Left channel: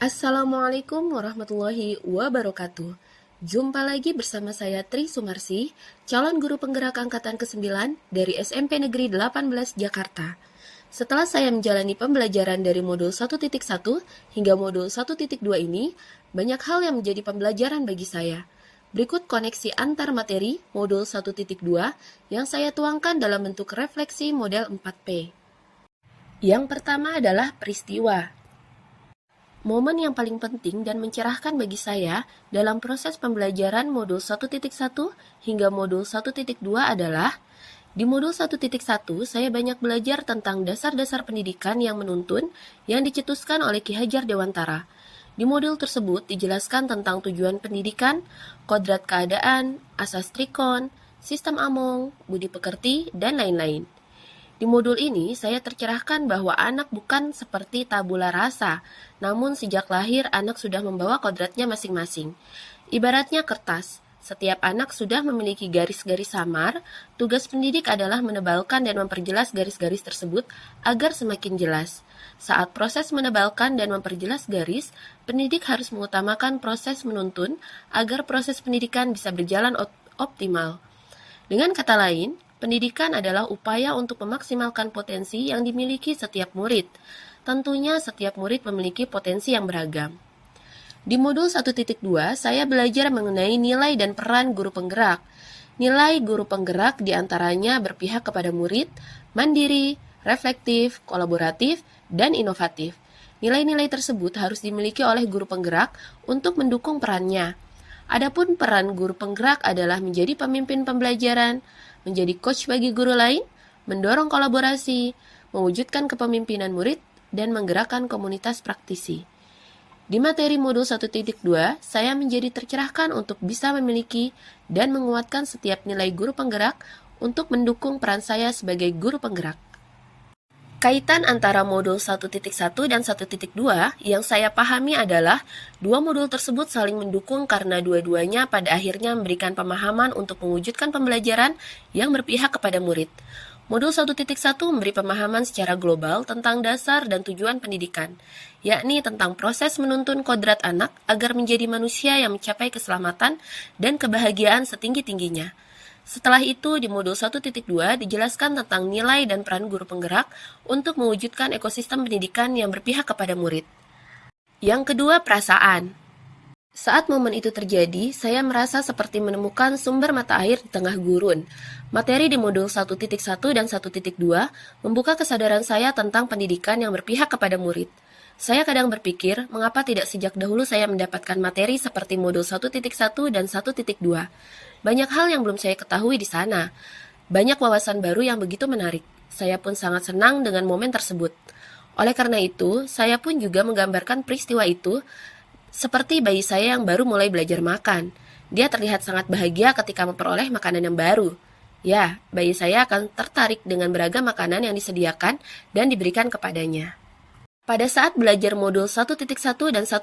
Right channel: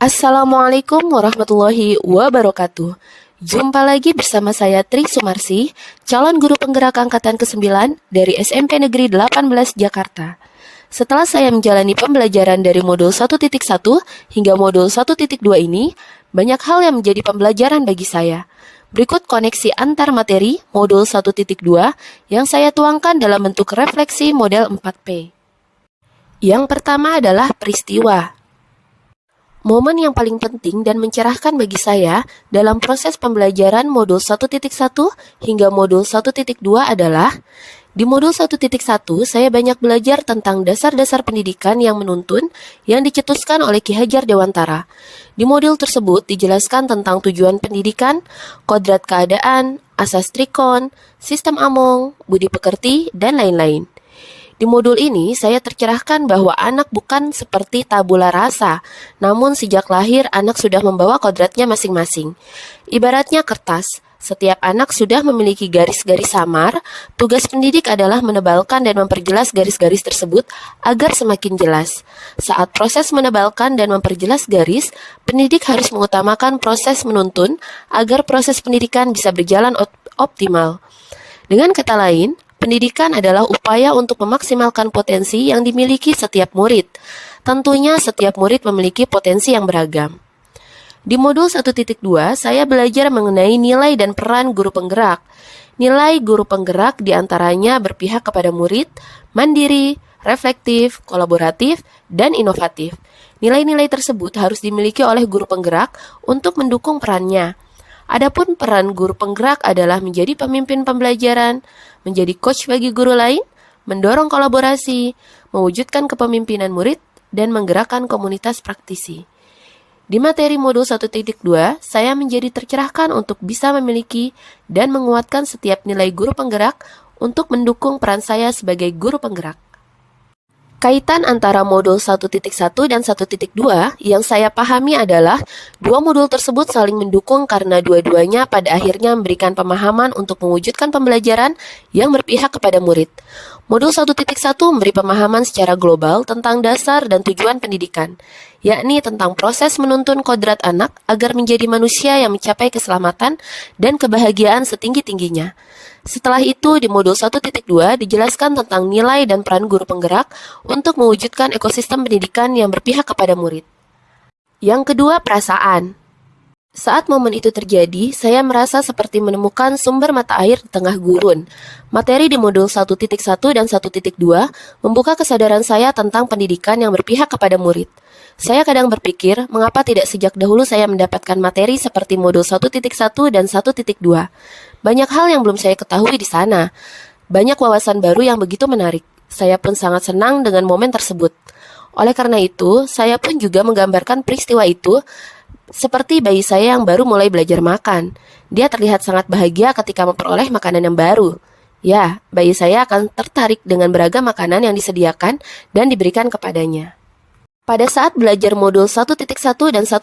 Assalamualaikum warahmatullahi wabarakatuh. Jumpa lagi bersama saya Tri Sumarsi, calon guru penggerak angkatan ke-9 dari SMP Negeri 18 Jakarta. Setelah saya menjalani pembelajaran dari modul 1.1 hingga modul 1.2 ini, banyak hal yang menjadi pembelajaran bagi saya. Berikut koneksi antar materi modul 1.2 yang saya tuangkan dalam bentuk refleksi model 4P. Yang pertama adalah peristiwa. Momen yang paling penting dan mencerahkan bagi saya dalam proses pembelajaran modul 1.1 hingga modul 1.2 adalah di modul 1.1 saya banyak belajar tentang dasar-dasar pendidikan yang menuntun yang dicetuskan oleh Ki Hajar Dewantara. Di modul tersebut dijelaskan tentang tujuan pendidikan, kodrat keadaan, asas trikon, sistem among, budi pekerti, dan lain-lain. Di modul ini, saya tercerahkan bahwa anak bukan seperti tabula rasa, namun sejak lahir anak sudah membawa kodratnya masing-masing. Ibaratnya kertas, setiap anak sudah memiliki garis-garis samar, tugas pendidik adalah menebalkan dan memperjelas garis-garis tersebut agar semakin jelas. Saat proses menebalkan dan memperjelas garis, pendidik harus mengutamakan proses menuntun agar proses pendidikan bisa berjalan optimal. Dengan kata lain, pendidikan adalah upaya untuk memaksimalkan potensi yang dimiliki setiap murid. Tentunya setiap murid memiliki potensi yang beragam. Di modul 1.2, saya belajar mengenai nilai dan peran guru penggerak. Nilai guru penggerak diantaranya berpihak kepada murid, mandiri, reflektif, kolaboratif, dan inovatif. Nilai-nilai tersebut harus dimiliki oleh guru penggerak untuk mendukung perannya. Adapun peran guru penggerak adalah menjadi pemimpin pembelajaran, menjadi coach bagi guru lain, mendorong kolaborasi, mewujudkan kepemimpinan murid, dan menggerakkan komunitas praktisi. Di materi modul 1.2, saya menjadi tercerahkan untuk bisa memiliki dan menguatkan setiap nilai guru penggerak untuk mendukung peran saya sebagai guru penggerak. Kaitan antara modul 1.1 dan 1.2 yang saya pahami adalah dua modul tersebut saling mendukung karena dua-duanya pada akhirnya memberikan pemahaman untuk mewujudkan pembelajaran yang berpihak kepada murid. Modul 1.1 memberi pemahaman secara global tentang dasar dan tujuan pendidikan, yakni tentang proses menuntun kodrat anak agar menjadi manusia yang mencapai keselamatan dan kebahagiaan setinggi-tingginya. Setelah itu, di modul 1.2 dijelaskan tentang nilai dan peran guru penggerak untuk mewujudkan ekosistem pendidikan yang berpihak kepada murid. Yang kedua, perasaan. Saat momen itu terjadi, saya merasa seperti menemukan sumber mata air di tengah gurun. Materi di modul 1.1 dan 1.2 membuka kesadaran saya tentang pendidikan yang berpihak kepada murid. Saya kadang berpikir, mengapa tidak sejak dahulu saya mendapatkan materi seperti modul 1.1 dan 1.2. Banyak hal yang belum saya ketahui di sana. Banyak wawasan baru yang begitu menarik. Saya pun sangat senang dengan momen tersebut. Oleh karena itu, saya pun juga menggambarkan peristiwa itu seperti bayi saya yang baru mulai belajar makan. Dia terlihat sangat bahagia ketika memperoleh makanan yang baru. Ya, bayi saya akan tertarik dengan beragam makanan yang disediakan dan diberikan kepadanya. Pada saat belajar modul 1.1 dan 1.2,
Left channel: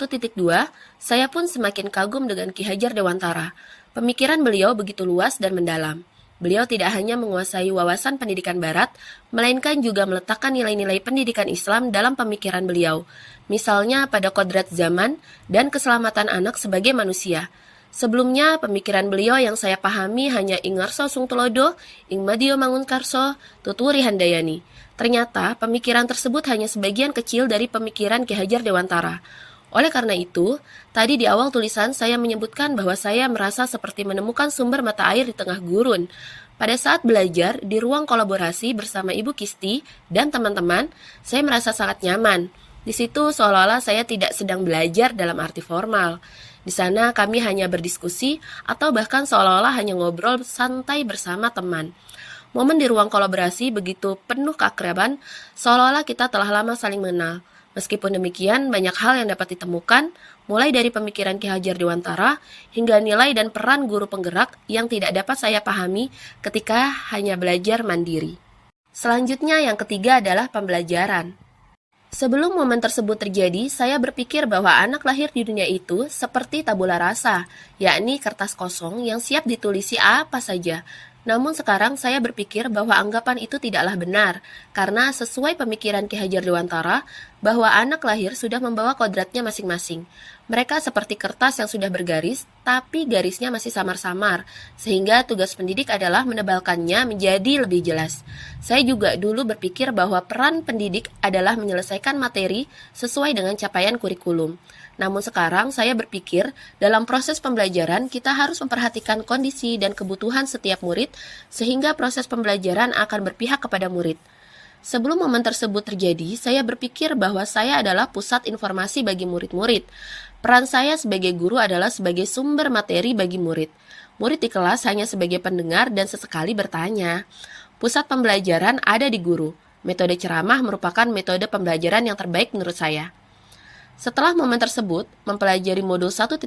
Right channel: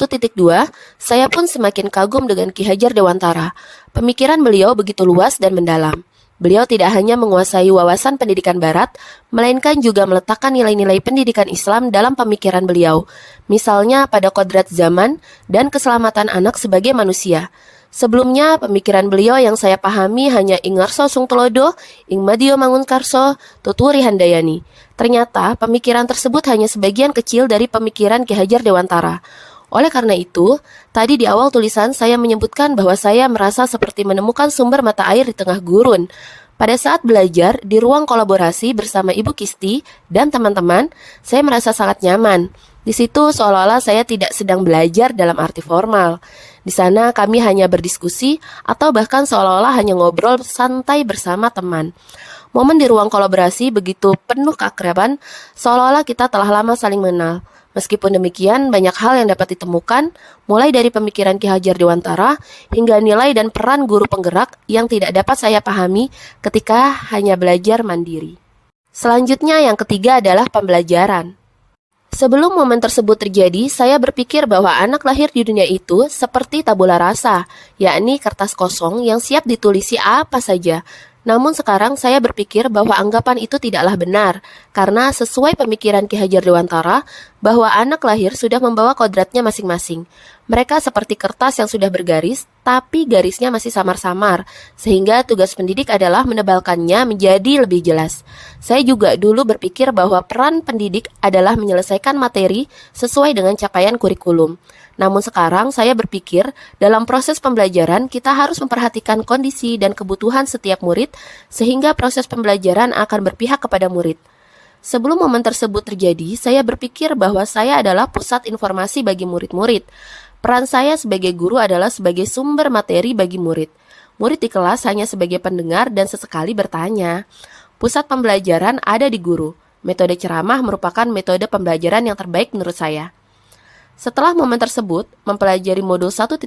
saya pun semakin kagum dengan Ki Hajar Dewantara. Pemikiran beliau begitu luas dan mendalam. Beliau tidak hanya menguasai wawasan pendidikan barat, melainkan juga meletakkan nilai-nilai pendidikan Islam dalam pemikiran beliau. Misalnya pada kodrat zaman dan keselamatan anak sebagai manusia. Sebelumnya, pemikiran beliau yang saya pahami hanya ing ngarso sung tulodo, ing madio mangunkarso, tuturi handayani. Ternyata, pemikiran tersebut hanya sebagian kecil dari pemikiran Ki Hajar Dewantara. Oleh karena itu, tadi di awal tulisan saya menyebutkan bahwa saya merasa seperti menemukan sumber mata air di tengah gurun. Pada saat belajar di ruang kolaborasi bersama Ibu Kisti dan teman-teman, saya merasa sangat nyaman. Di situ seolah-olah saya tidak sedang belajar dalam arti formal. Di sana kami hanya berdiskusi atau bahkan seolah-olah hanya ngobrol santai bersama teman. Momen di ruang kolaborasi begitu penuh keakraban, seolah-olah kita telah lama saling mengenal. Meskipun demikian, banyak hal yang dapat ditemukan, mulai dari pemikiran Ki Hajar Dewantara hingga nilai dan peran guru penggerak yang tidak dapat saya pahami ketika hanya belajar mandiri. Selanjutnya, yang ketiga adalah pembelajaran. Sebelum momen tersebut terjadi, saya berpikir bahwa anak lahir di dunia itu seperti tabula rasa, yakni kertas kosong yang siap ditulisi apa saja. Namun sekarang saya berpikir bahwa anggapan itu tidaklah benar, karena sesuai pemikiran Ki Hajar Dewantara, bahwa anak lahir sudah membawa kodratnya masing-masing. Mereka seperti kertas yang sudah bergaris, tapi garisnya masih samar-samar, sehingga tugas pendidik adalah menebalkannya menjadi lebih jelas. Saya juga dulu berpikir bahwa peran pendidik adalah menyelesaikan materi sesuai dengan capaian kurikulum. Namun sekarang saya berpikir dalam proses pembelajaran kita harus memperhatikan kondisi dan kebutuhan setiap murid sehingga proses pembelajaran akan berpihak kepada murid. Sebelum momen tersebut terjadi, saya berpikir bahwa saya adalah pusat informasi bagi murid-murid. Peran saya sebagai guru adalah sebagai sumber materi bagi murid. Murid di kelas hanya sebagai pendengar dan sesekali bertanya. Pusat pembelajaran ada di guru. Metode ceramah merupakan metode pembelajaran yang terbaik menurut saya. Setelah momen tersebut, mempelajari modul 1.1,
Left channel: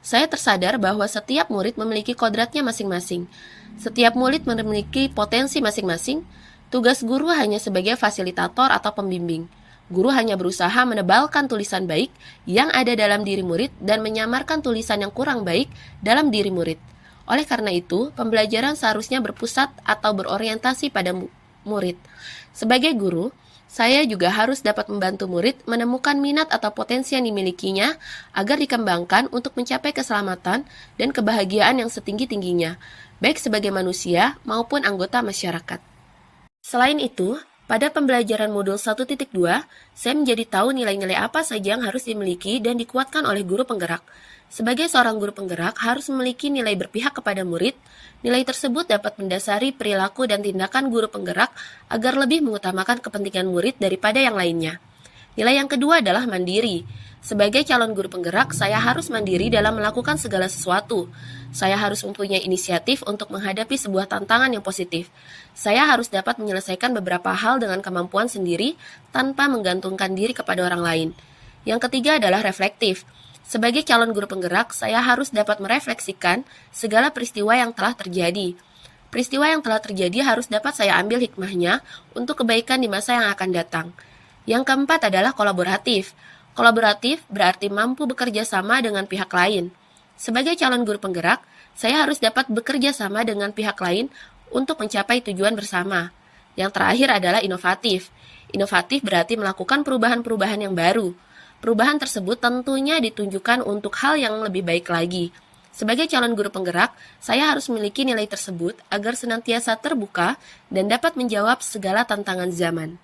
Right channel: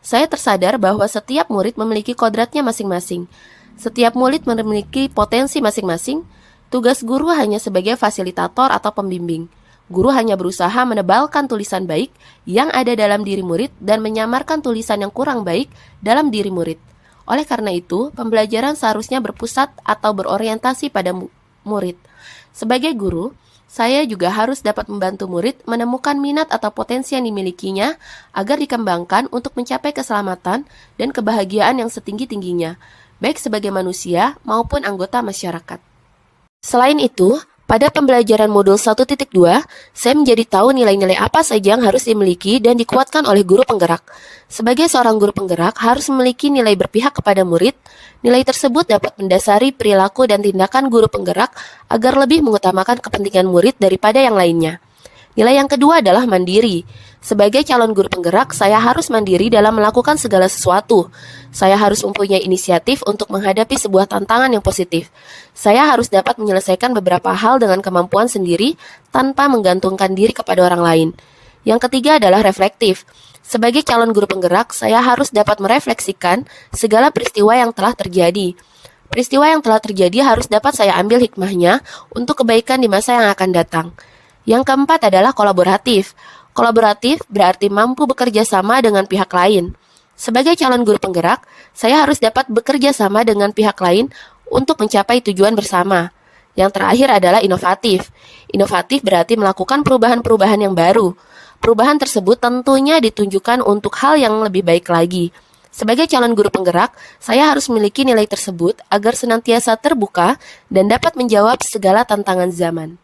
saya tersadar bahwa setiap murid memiliki kodratnya masing-masing. Setiap murid memiliki potensi masing-masing. Tugas guru hanya sebagai fasilitator atau pembimbing. Guru hanya berusaha menebalkan tulisan baik yang ada dalam diri murid dan menyamarkan tulisan yang kurang baik dalam diri murid. Oleh karena itu, pembelajaran seharusnya berpusat atau berorientasi pada murid. Sebagai guru, saya juga harus dapat membantu murid menemukan minat atau potensi yang dimilikinya agar dikembangkan untuk mencapai keselamatan dan kebahagiaan yang setinggi-tingginya, baik sebagai manusia maupun anggota masyarakat. Selain itu, pada pembelajaran modul 1.2, saya menjadi tahu nilai-nilai apa saja yang harus dimiliki dan dikuatkan oleh guru penggerak. Sebagai seorang guru penggerak harus memiliki nilai berpihak kepada murid. Nilai tersebut dapat mendasari perilaku dan tindakan guru penggerak agar lebih mengutamakan kepentingan murid daripada yang lainnya. Nilai yang kedua adalah mandiri. Sebagai calon guru penggerak, saya harus mandiri dalam melakukan segala sesuatu. Saya harus mempunyai inisiatif untuk menghadapi sebuah tantangan yang positif. Saya harus dapat menyelesaikan beberapa hal dengan kemampuan sendiri tanpa menggantungkan diri kepada orang lain. Yang ketiga adalah reflektif. Sebagai calon guru penggerak, saya harus dapat merefleksikan segala peristiwa yang telah terjadi. Peristiwa yang telah terjadi harus dapat saya ambil hikmahnya untuk kebaikan di masa yang akan datang. Yang keempat adalah kolaboratif. Kolaboratif berarti mampu bekerja sama dengan pihak lain. Sebagai calon guru penggerak, saya harus dapat bekerja sama dengan pihak lain untuk mencapai tujuan bersama. Yang terakhir adalah inovatif. Inovatif berarti melakukan perubahan-perubahan yang baru. Perubahan tersebut tentunya ditunjukkan untuk hal yang lebih baik lagi. Sebagai calon guru penggerak, saya harus memiliki nilai tersebut agar senantiasa terbuka dan dapat menjawab segala tantangan zaman.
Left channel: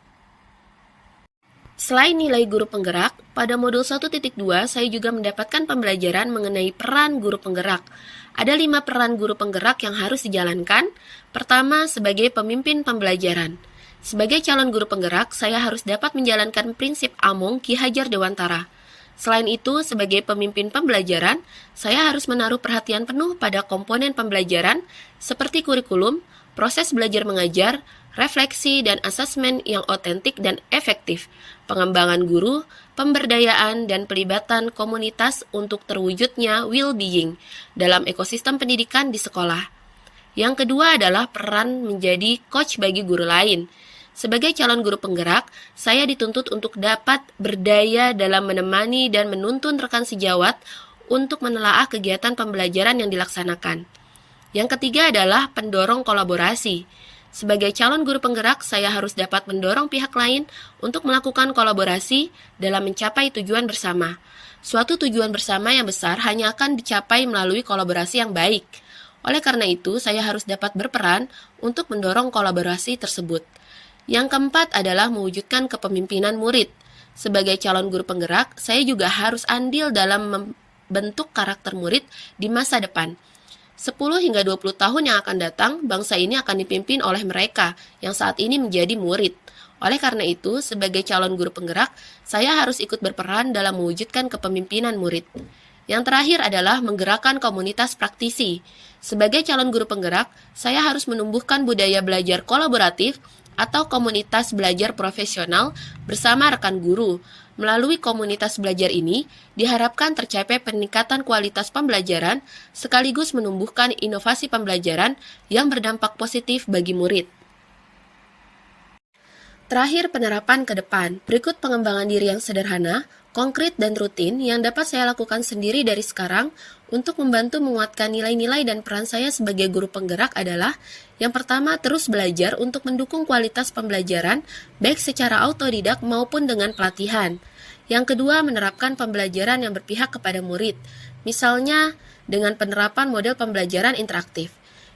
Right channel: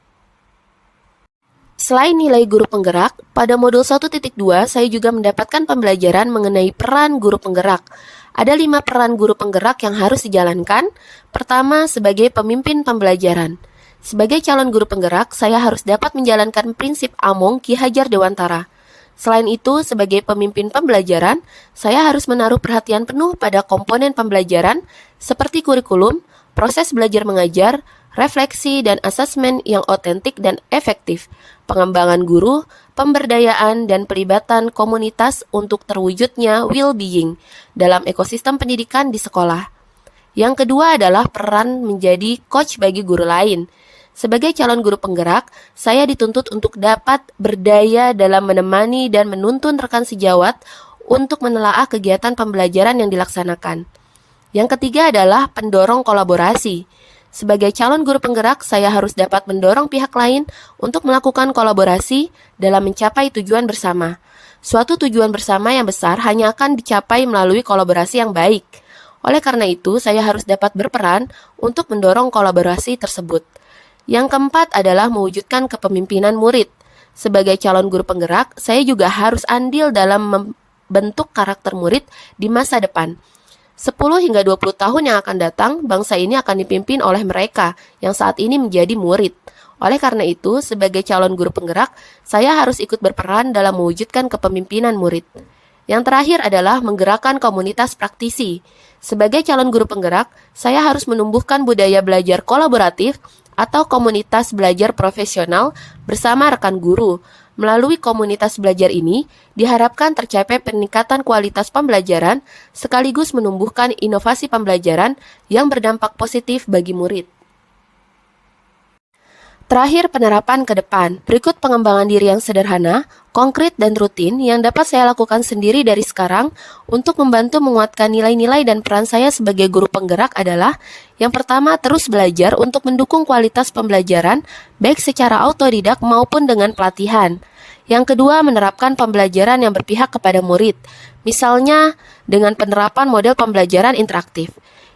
Selain nilai guru penggerak, pada modul 1.2 saya juga mendapatkan pembelajaran mengenai peran guru penggerak. Ada 5 peran guru penggerak yang harus dijalankan. Pertama, sebagai pemimpin pembelajaran. Sebagai calon guru penggerak, saya harus dapat menjalankan prinsip Among Ki Hajar Dewantara. Selain itu, sebagai pemimpin pembelajaran, saya harus menaruh perhatian penuh pada komponen pembelajaran seperti kurikulum, proses belajar mengajar, refleksi dan asesmen yang otentik dan efektif, pengembangan guru, pemberdayaan dan pelibatan komunitas untuk terwujudnya well-being dalam ekosistem pendidikan di sekolah. Yang kedua adalah peran menjadi coach bagi guru lain. Sebagai calon guru penggerak, saya dituntut untuk dapat berdaya dalam menemani dan menuntun rekan sejawat untuk menelaah kegiatan pembelajaran yang dilaksanakan. Yang ketiga adalah pendorong kolaborasi. Sebagai calon guru penggerak, saya harus dapat mendorong pihak lain untuk melakukan kolaborasi dalam mencapai tujuan bersama. Suatu tujuan bersama yang besar hanya akan dicapai melalui kolaborasi yang baik. Oleh karena itu, saya harus dapat berperan untuk mendorong kolaborasi tersebut. Yang keempat adalah mewujudkan kepemimpinan murid. Sebagai calon guru penggerak, saya juga harus andil dalam membentuk karakter murid di masa depan. 10 hingga 20 tahun yang akan datang, bangsa ini akan dipimpin oleh mereka yang saat ini menjadi murid. Oleh karena itu, sebagai calon guru penggerak, saya harus ikut berperan dalam mewujudkan kepemimpinan murid. Yang terakhir adalah menggerakkan komunitas praktisi. Sebagai calon guru penggerak, saya harus menumbuhkan budaya belajar kolaboratif atau komunitas belajar profesional bersama rekan guru. Melalui komunitas belajar ini, diharapkan tercapai peningkatan kualitas pembelajaran sekaligus menumbuhkan inovasi pembelajaran yang berdampak positif bagi murid. Terakhir, penerapan ke depan. Berikut pengembangan diri yang sederhana, konkret dan rutin yang dapat saya lakukan sendiri dari sekarang untuk membantu menguatkan nilai-nilai dan peran saya sebagai guru penggerak adalah: yang pertama, terus belajar untuk mendukung kualitas pembelajaran baik secara autodidak maupun dengan pelatihan. Yang kedua, menerapkan pembelajaran yang berpihak kepada murid, misalnya dengan penerapan model pembelajaran interaktif.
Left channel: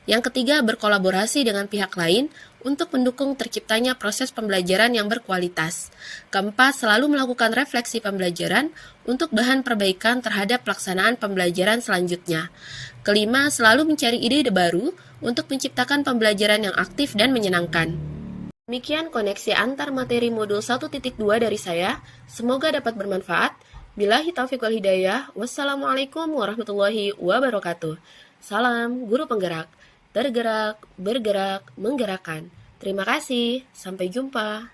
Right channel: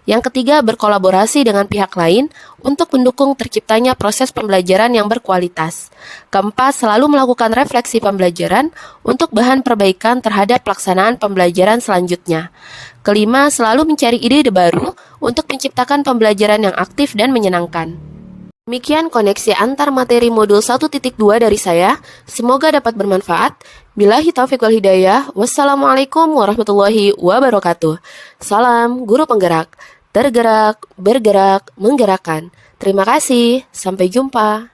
Yang ketiga, berkolaborasi dengan pihak lain untuk mendukung terciptanya proses pembelajaran yang berkualitas. Keempat, selalu melakukan refleksi pembelajaran untuk bahan perbaikan terhadap pelaksanaan pembelajaran selanjutnya. Kelima, selalu mencari ide baru untuk menciptakan pembelajaran yang aktif dan menyenangkan. Demikian koneksi antar materi modul 1.2 dari saya. Semoga dapat bermanfaat. Billahi taufiq wal hidayah. Wassalamualaikum warahmatullahi wabarakatuh. Salam guru penggerak. Tergerak, bergerak, menggerakkan. Terima kasih. Sampai jumpa.